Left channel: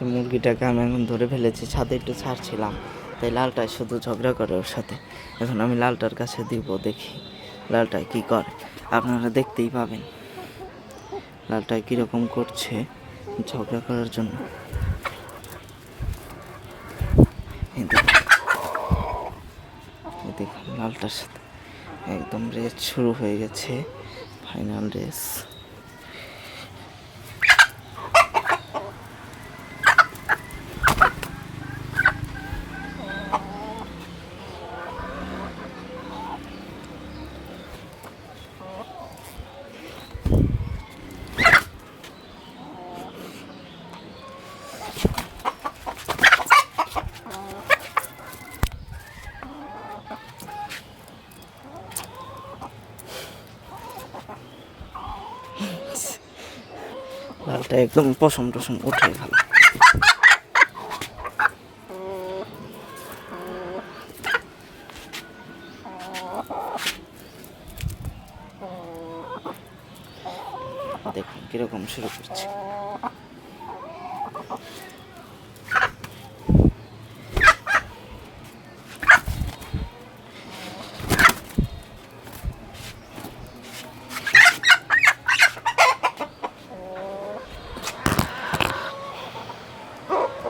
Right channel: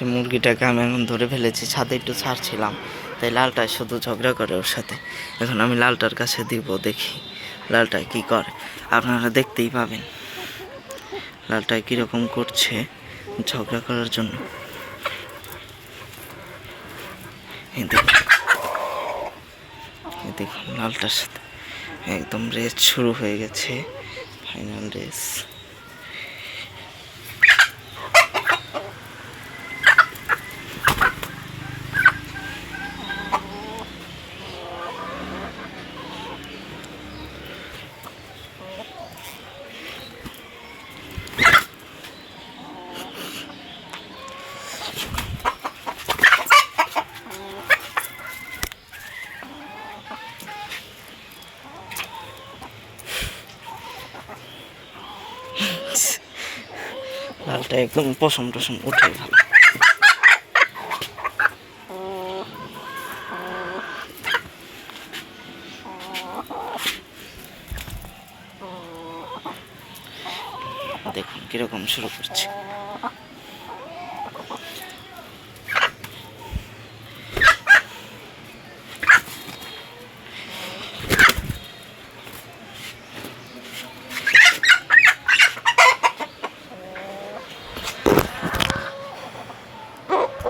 যে মুরগিটাকে আমি এখন ধরে ফেলেছি, ছাদে একটু ছাড়ছিলাম, তাই লালটা শুধু ঝগড়া করে ওর সাথে। এখন আমি লালটার কাছে দিব, দেখি লালটা কি করে, আপনারা দেখতেই পাবেন লালটা কীরকম করছে ঝগড়া করার জন্য। দেখুন লালটার সাথে একদম রেস শুরু হয়ে গেছে, ফাইনাল রেস। লালটা একদম পশম টসম উঠে ভালো। দেখুন কিরকম শুরু করছে।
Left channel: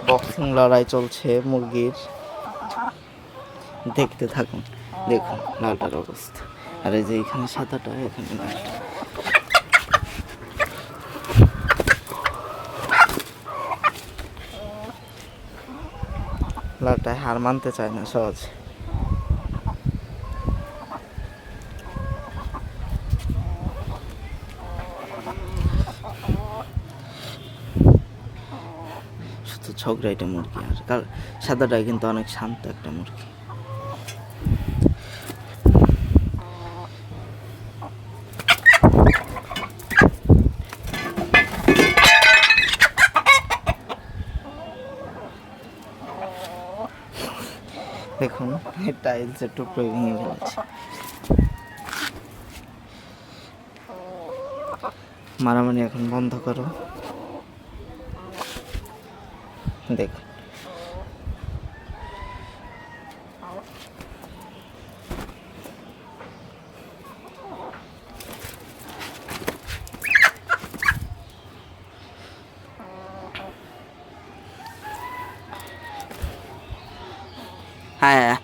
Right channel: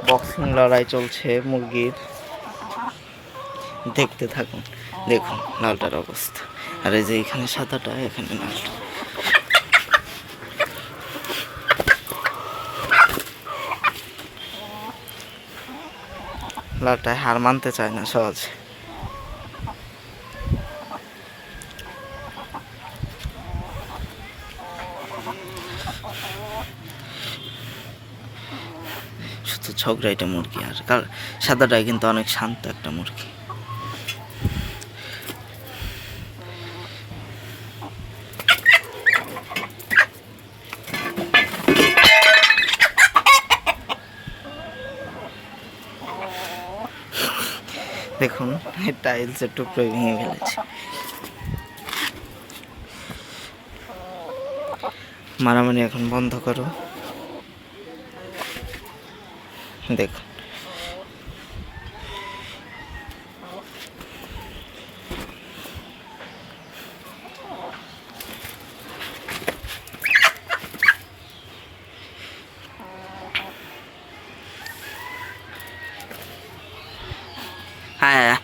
বক্সিং লড়াই চলছে মুরগির, দেখতে থাকুন। দেখুন লালটার অবস্থা, আর এই যে এখানে সাদাটা, এখানে লালটা। লালটায় হার মানতে চায় না সহজে। শুধু ঝগড়াইটা মুরগি, আর সাদাটাই কিন্তু অনেক শান্ত একটা মুরগি। দেখুন টাইলসের টুকরো ভেঙে ফেলেছে। মারামারি এখন বন্ধ করো। দেখুন হ্যাঁ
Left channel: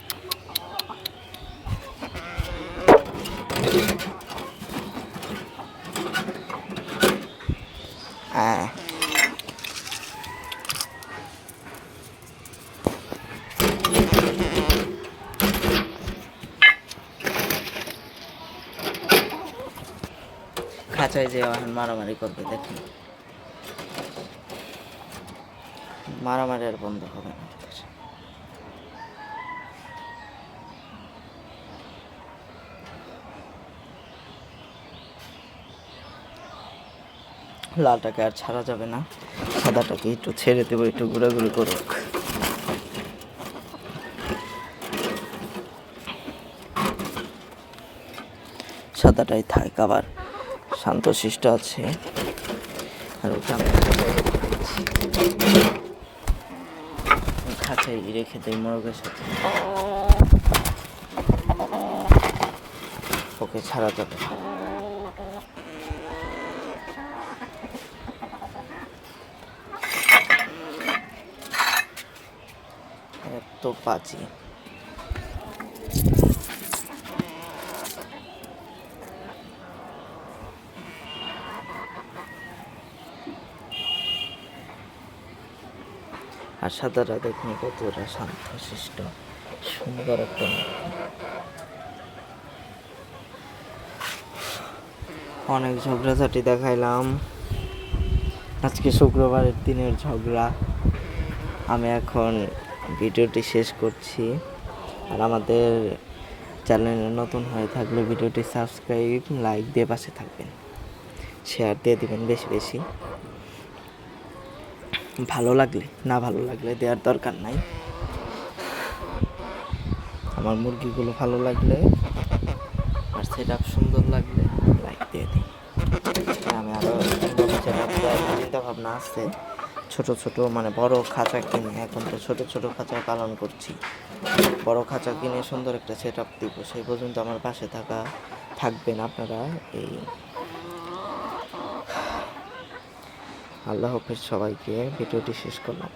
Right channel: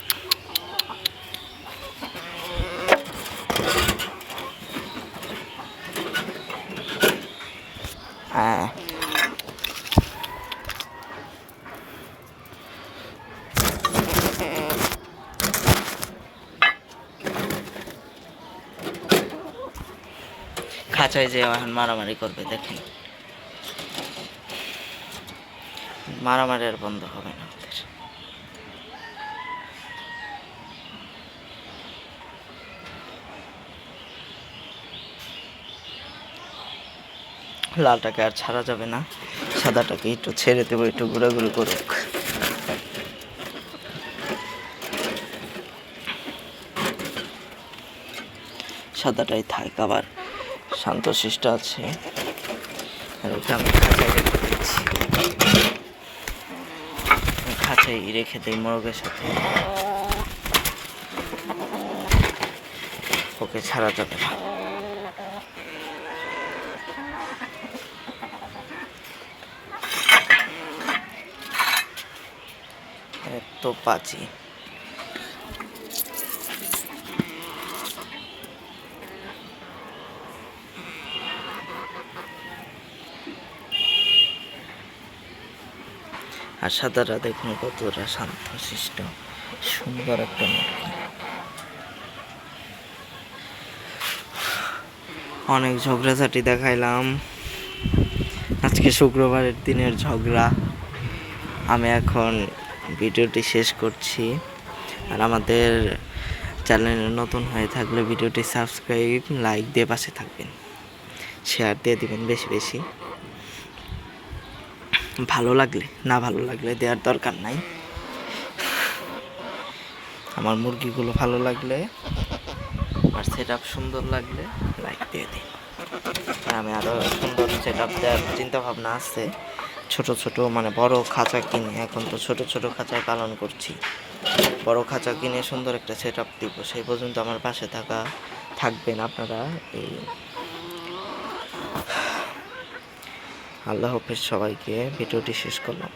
হ্যাঁ খাঁচায় যে এখন মারামারি করবে। দেখেন মারামারি আর বন্ধ হবে না ওদের। লালটাকে আর ছাড়া যাবে না, সাদাটাকে একটু ছেড়ে দেবো, একটু ঘোরাঘুরি করুক। সাদাটাই থাক, আবার শান্তশিষ্ট আছে। আর ওকে আমি খাঁচাই রেখে দিই মোরগের সাথে, ওকে ছাড়া যাবে না। এত পাজি। আর সাদাটা দেখুন কতটা শান্তশিষ্ট, সুন্দর একটা মুরগি। অনেক ঝগড়াঝাটি দেখাইলাম, আজকে শুক্রবারের দিনের ঝগড়া। আমি এখন ভিডিওটি শেষ করছি। আর আমাদের চ্যানেলে নতুন হয়ে থাকলে ভিডিওটি সাবস্ক্রাইব, লাইক দিয়ে পাশে থাকবেন, শেয়ার দিয়ে দিবেন বেশি বেশি। ভালো লাগলে, না ভালো লাগলে দেওয়ার দরকার নাই। আমার মুরগিগুলো ভালো লাগলে আর সেট আপ সুন্দর লাগলে লাইক দিয়ে দিন। আমি আরও সুন্দর সেট আপ দেওয়ার চিন্তা ভাবনা আছে, ছোট ছোট মানে বড় খাঁচা কিনে, এখন তো ছোট ছোট খাঁচায় পালন করছি। বড় খাঁচা কিনে সুন্দর একটা সেট আপ দিব। সেই পর্যন্ত আমার পাশে থাকবেন আপনারা। এই আল্লাহ হাফেজ সবাইকে, ভিডিওটি শেষ করলাম।